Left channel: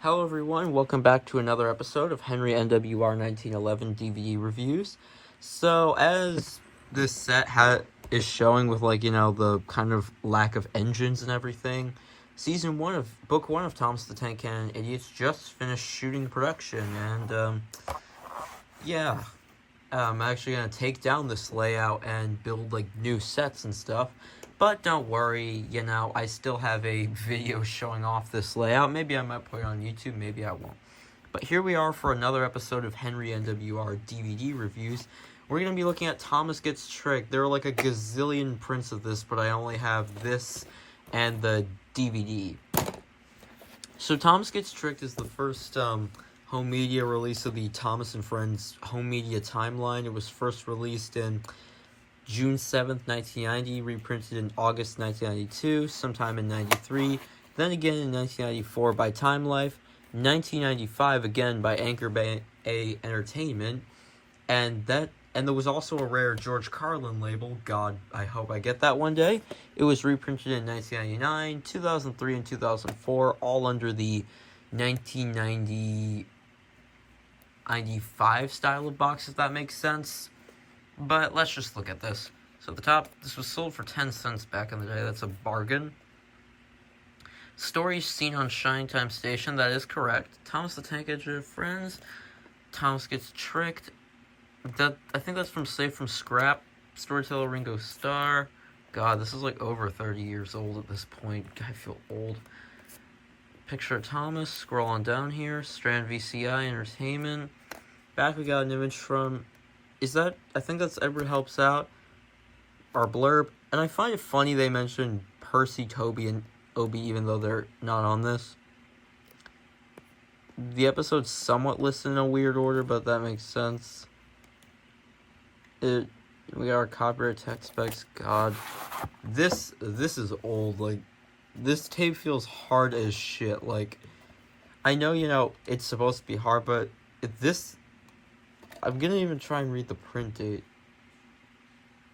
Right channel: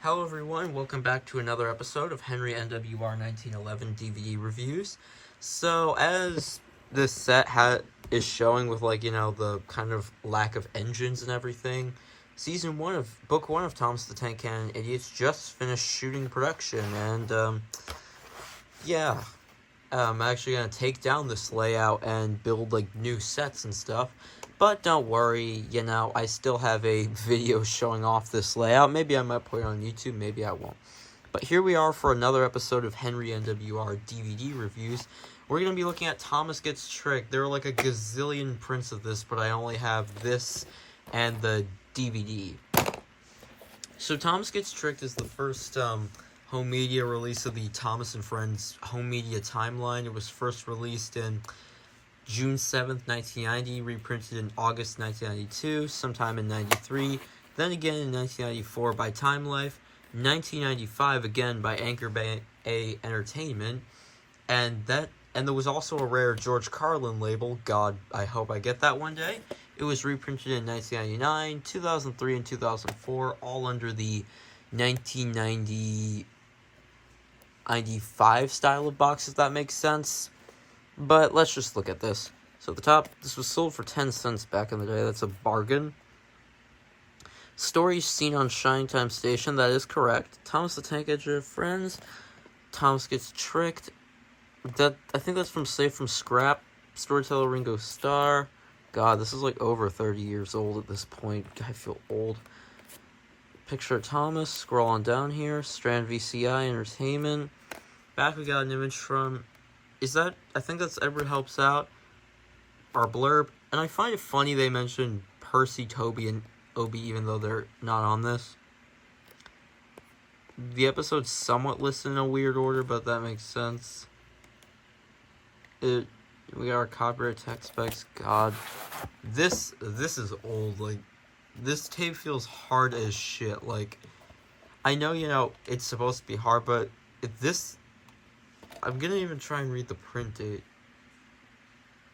Hello everyone, welcome back to another episode of Henry NWR 1911 DVD reviews. So, as this set is showing with, the kind of lack of engines and everything, Book 1 of Thomas the Tank Cannon Idiots just finished shooting production, and, I'm actually going to take down this layout and build, new sets and stuff. But don't worry, I still have a video showing off this layout. Maybe I might put it on YouTube, maybe I won't. But here we are for another episode of Henry NWR DVD reviews. We're going to be looking at Thomas Gets Tricked. There are like a gazillion prints of this, but I only have this and the DVD. So Thomas Gets Tricked is the first home media release of the Thomas and Friends home media timeline. It was first released in June 7th, 1990, reprinted in August 1992, sometime in 93, then again in 1994 by Time Life, 1995 again by Anchor Bay Entertainment, and there was also a rare George Carlin label. God, I hope I get that one day. It was reprinted in 1999, 2003, and 2004, all under the 1995 style of box, if that makes sense. But let's just look at this. So at the top, this was sold for 10 cents back in the day. That's a bargain. Stories seen on Shining Time Station. That is correct. Thomas the Tank Engine Friends. Thomas Gets Tricked. I think that's from Safe from Scrap. Storyteller Ringo Starr. God, this is like over 30 years old at this point. I feel old. Picture of Thomas. Scroll on down here. Strand VCI Entertainment. Back we got an image from... I think that's Edward Helps Out, our blurb, and I find it funny they mention Percy, Toby, and Obie even though they're not on this. The episode's somewhat listed in a weird order, but that makes sense. We got our copyright tech specs. God, this is old. Like, this tape feels hard as shit. Like, I know, it's supposed to be hard, but I'm gonna even try and read the print date.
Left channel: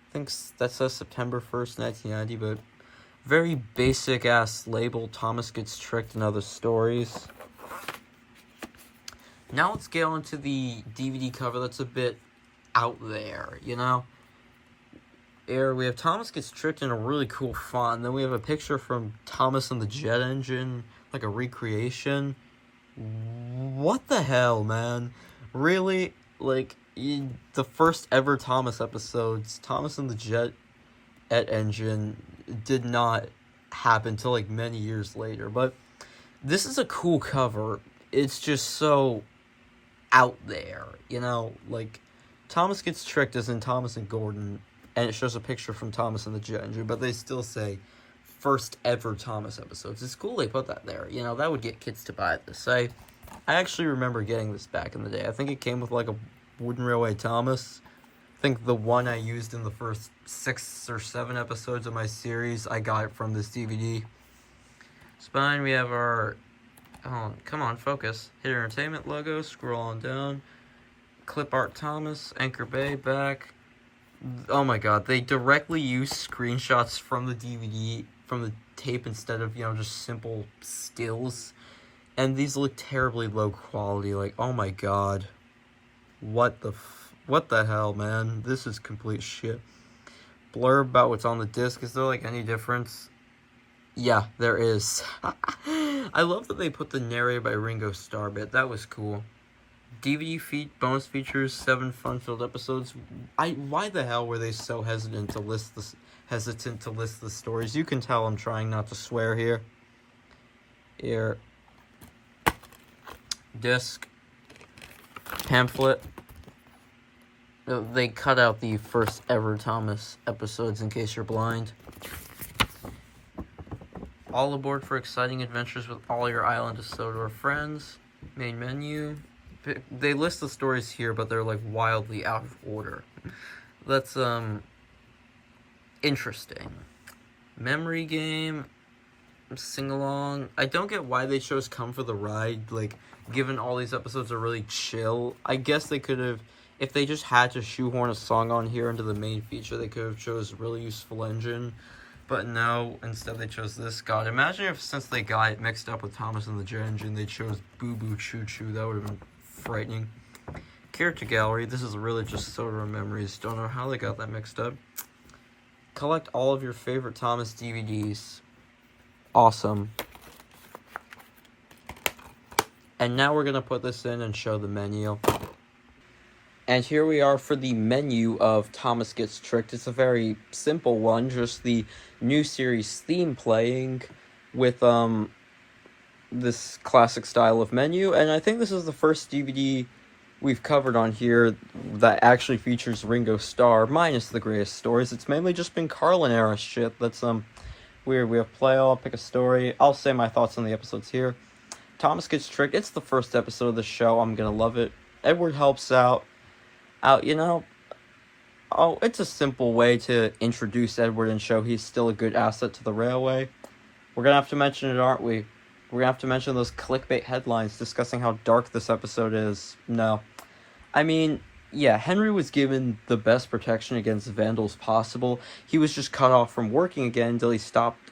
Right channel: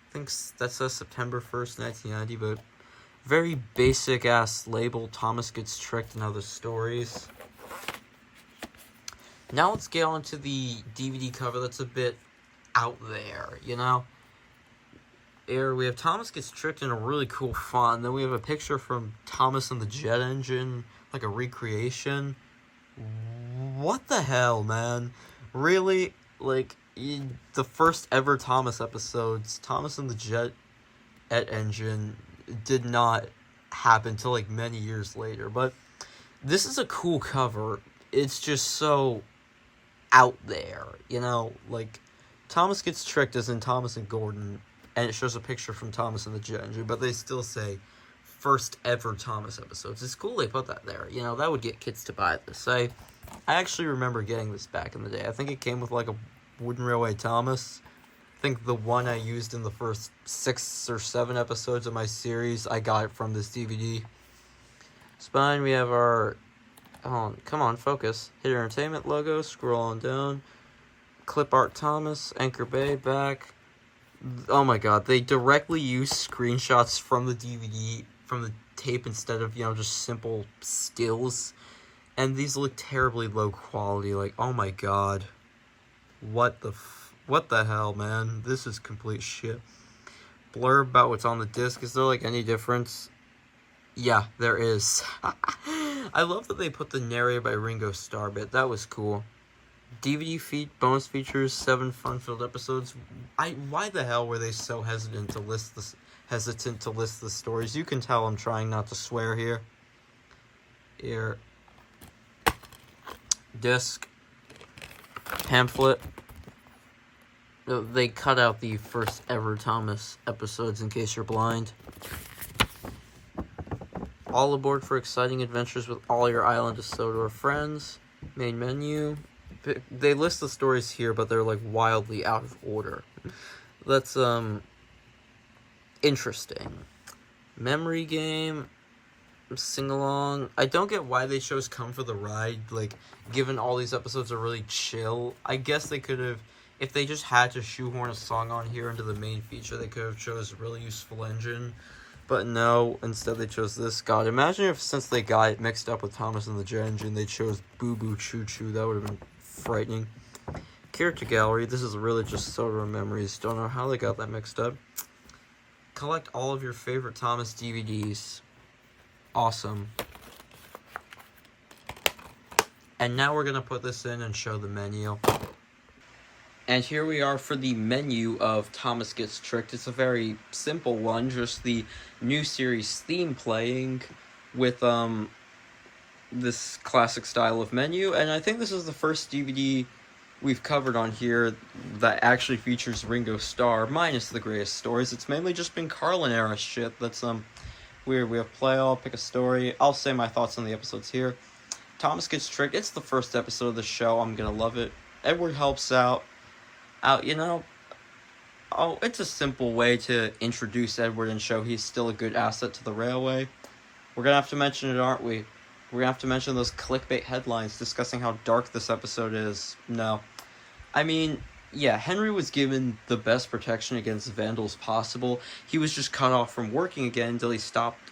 I think that says September 1st, 1990, but very basic-ass label, Thomas Gets Tricked and Other Stories. Now let's get on to the DVD cover that's a bit out there, Here we have Thomas Gets Tricked in a really cool font. Then we have a picture from Thomas and the Jet Engine, like a recreation. What the hell, man? Really? The first ever Thomas episodes, Thomas and the Jet Engine, did not happen till many years later. But this is a cool cover. It's just so out there, Thomas Gets Tricked as in Thomas and Gordon, and it shows a picture from Thomas and the Jet Engine, but they still say first ever Thomas episodes. It's cool they put that there. That would get kids to buy this. I actually remember getting this back in the day. I think it came with a Wooden Railway Thomas. I think the one I used in the first 6 or 7 episodes of my series, I got it from this DVD. Spine, we have our... Oh, come on, focus. Hit Entertainment logo, scroll on down. Clip Art Thomas, Anchor Bay, back. Oh my god, they directly use screenshots from the DVD, from the tape, instead of, just simple stills. And these look terribly low quality. Oh my god. What the hell, man? This is complete shit. Blurb about what's on the disc. Is there, any difference? Yeah, there is. I love that they put the narrator by Ringo Starr bit. That was cool. DVD bonus features, 7 fun-filled episodes. Why the hell were they so hesitant to list the stories? You can tell I'm trying not to swear here. Here. Disc. Pamphlet. They cut out the first ever Thomas episodes in case you're blind. All aboard for exciting adventures with all your Island of Sodor friends. Main menu. They list the stories here, but they're wildly out of order. That's interesting. Memory game. Sing-along. I don't get why they chose Come for the Ride, given all these episodes are really chill. I guess they could have, if they just had to shoehorn a song on here into the main feature, they could have chose Really Useful Engine. But no, instead they chose this god. Imagine if, since they got it mixed up with Thomas and the Jet Engine, they chose Boo Boo Choo Choo. That would have been frightening. Character gallery. This is really just Soda Memories. Don't know how they got that mixed up. Collect all of your favorite Thomas DVDs. Awesome. And now we're going to put this in and show the menu. And here we are for the menu of Thomas Gets Tricked. It's a very simple one, just the new series theme playing with this classic style of menu. And I think this is the first DVD we've covered on here that actually features Ringo Starr, minus the greatest stories. It's mainly just been Carlin era shit that's weird. We have play, I'll pick a story. I'll say my thoughts on the episodes here. Thomas Gets Tricked. It's the first episode of the show. I'm gonna love it. Edward helps out, you know. Oh, it's a simple way to introduce Edward and show he's still a good asset to the railway. We're gonna have to mention it, aren't we? We're gonna have to mention those clickbait headlines discussing how dark this episode is. No. I mean, yeah, Henry was given the best protection against vandals possible. He was just cut off from working again until he stopped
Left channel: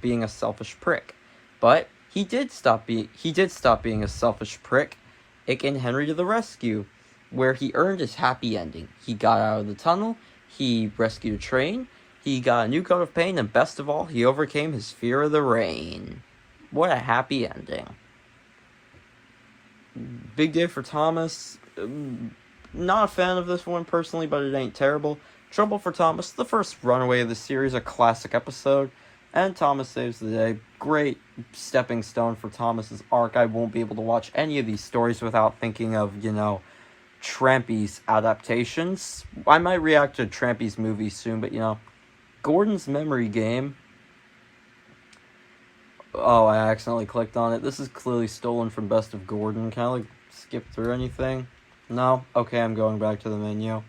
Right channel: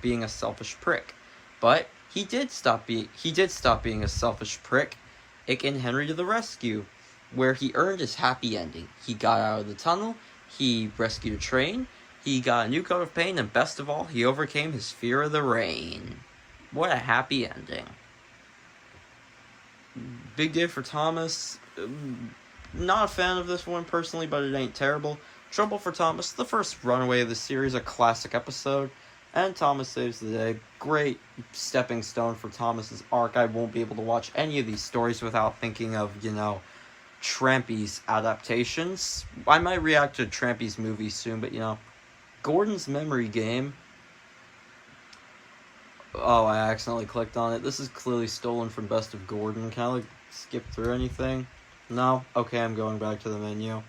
being a selfish prick. But he did stop being a selfish prick, and Henry to the rescue, where he earned his happy ending. He got out of the tunnel, he rescued a train, he got a new coat of paint, and best of all, he overcame his fear of the rain. What a happy ending. Big day for Thomas. Not a fan of this one personally, but it ain't terrible. Trouble for Thomas, the first runaway of the series, a classic episode. And Thomas saves the day. Great stepping stone for Thomas's arc. I won't be able to watch any of these stories without thinking of, you know, Trampy's adaptations. I might react to Trampy's movie soon, but, you know, Gordon's Memory Game. Oh, I accidentally clicked on it. This is clearly stolen from Best of Gordon. Can I, like, skip through anything? No? Okay, I'm going back to the menu.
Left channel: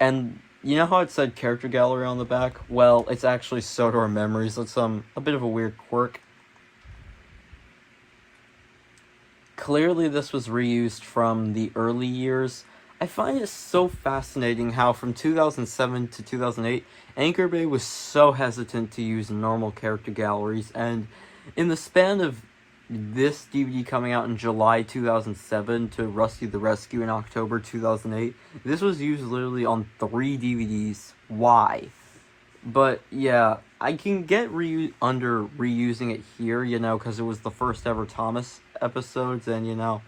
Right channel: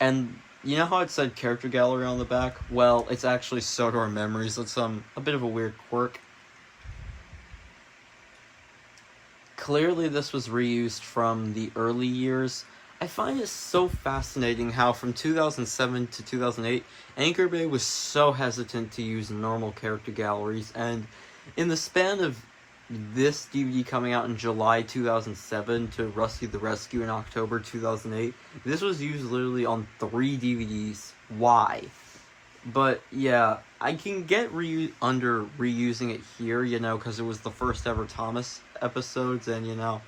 And you know how it said character gallery on the back? Well, it's actually Sodor Memories. That's a bit of a weird quirk. Clearly this was reused from the early years. I find it so fascinating how from 2007 to 2008, Anchor Bay was so hesitant to use normal character galleries, and in the span of this DVD coming out in July 2007 to Rusty the Rescue in October 2008, this was used literally on 3 DVDs. Why? But yeah, I can get under reusing it here, you know, because it was the first ever Thomas episodes, and you know,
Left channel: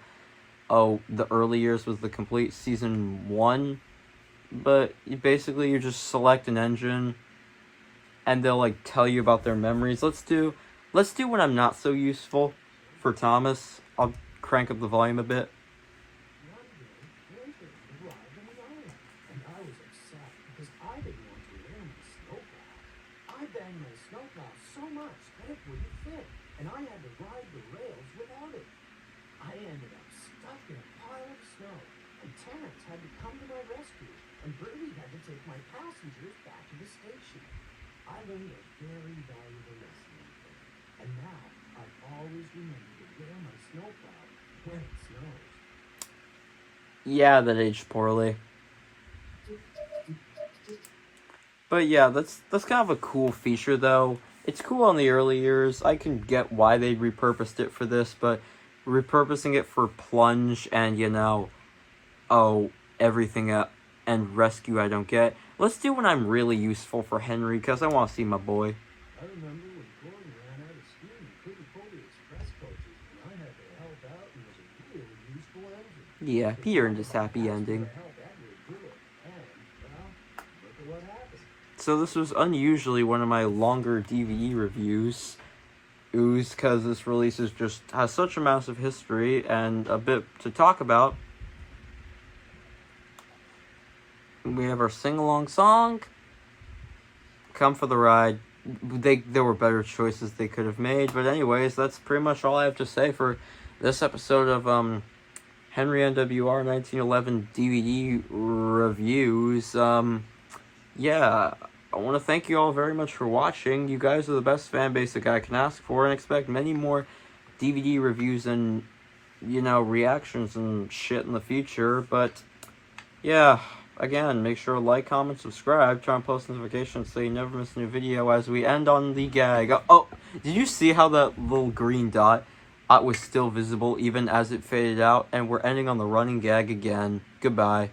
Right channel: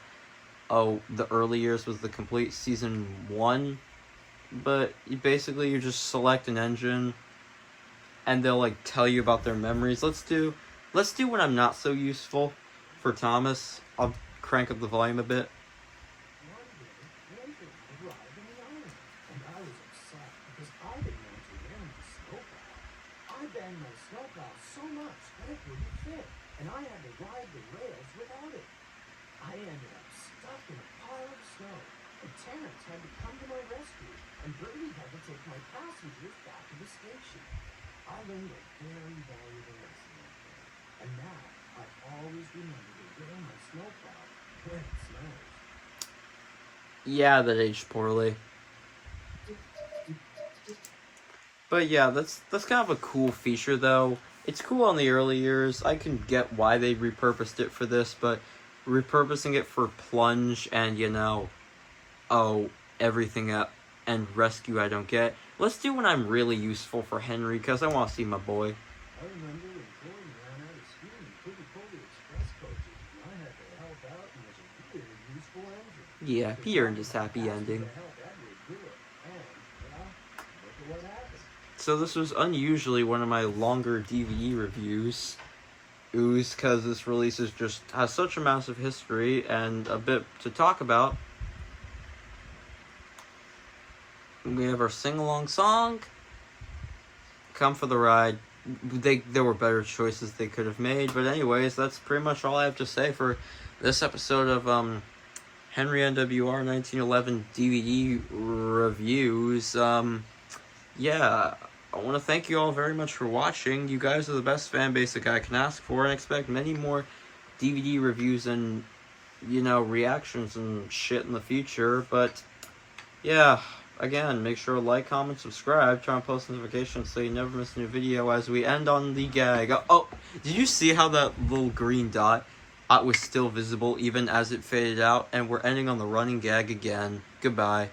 oh, the early years was the complete season 1. But basically you just select an engine and they'll like tell you about their memories. Let's do when I'm not so useful for Thomas. I'll crank up the volume a bit. One day, Nathan arrived in the island, and I was upset because I didn't want to ram the snowplow. I banged my snowplow so much that it wouldn't fit, and I had to ride the rails without it. I ended up stuck in a pile of snow, and Terrence had to come to my rescue, and Bertie had to take my passengers back to the station. I learned a very valuable lesson out there, and now I always remember to wear my snowplow when it snows. Yeah, that aged poorly. But yeah, that's kind of a cool feature though. It's cool on the early years. I can get why they repurposed it for this, but repurposing it for Plunge and, you know, oh, everything and Rescue I don't get. Let's do when I'm really useful for Henry, because I want to see my boy. I remember when Gordon ran out of steam and couldn't pull the express coaches, and I had to help out and was a really useful engine. Yeah, he earned his happy ending. To help Edward do it, and, well, look at what happened. So this was unusually one of my longer DVD reviews. Because this release has such a massive history and a bit to talk about. We have our sing-along song. Come for the ride. There were better choices they could have made, but anyways, that's pretty much all I have to say for this episode of Henry NWR 1911 DVD reviews. Yeah, I want to thank you all very much for watching. You guys are the best fan base that I can ask for, and expect many more DVD reviews and, you know, reactions and shit in the future. But yeah, again, make sure to like, comment, subscribe, turn on post notifications so you never miss a new video as we end on the gag. Oh, did you see how that little green dot was still visible even as it faded out? And we're ending on the running gag again. Goodbye.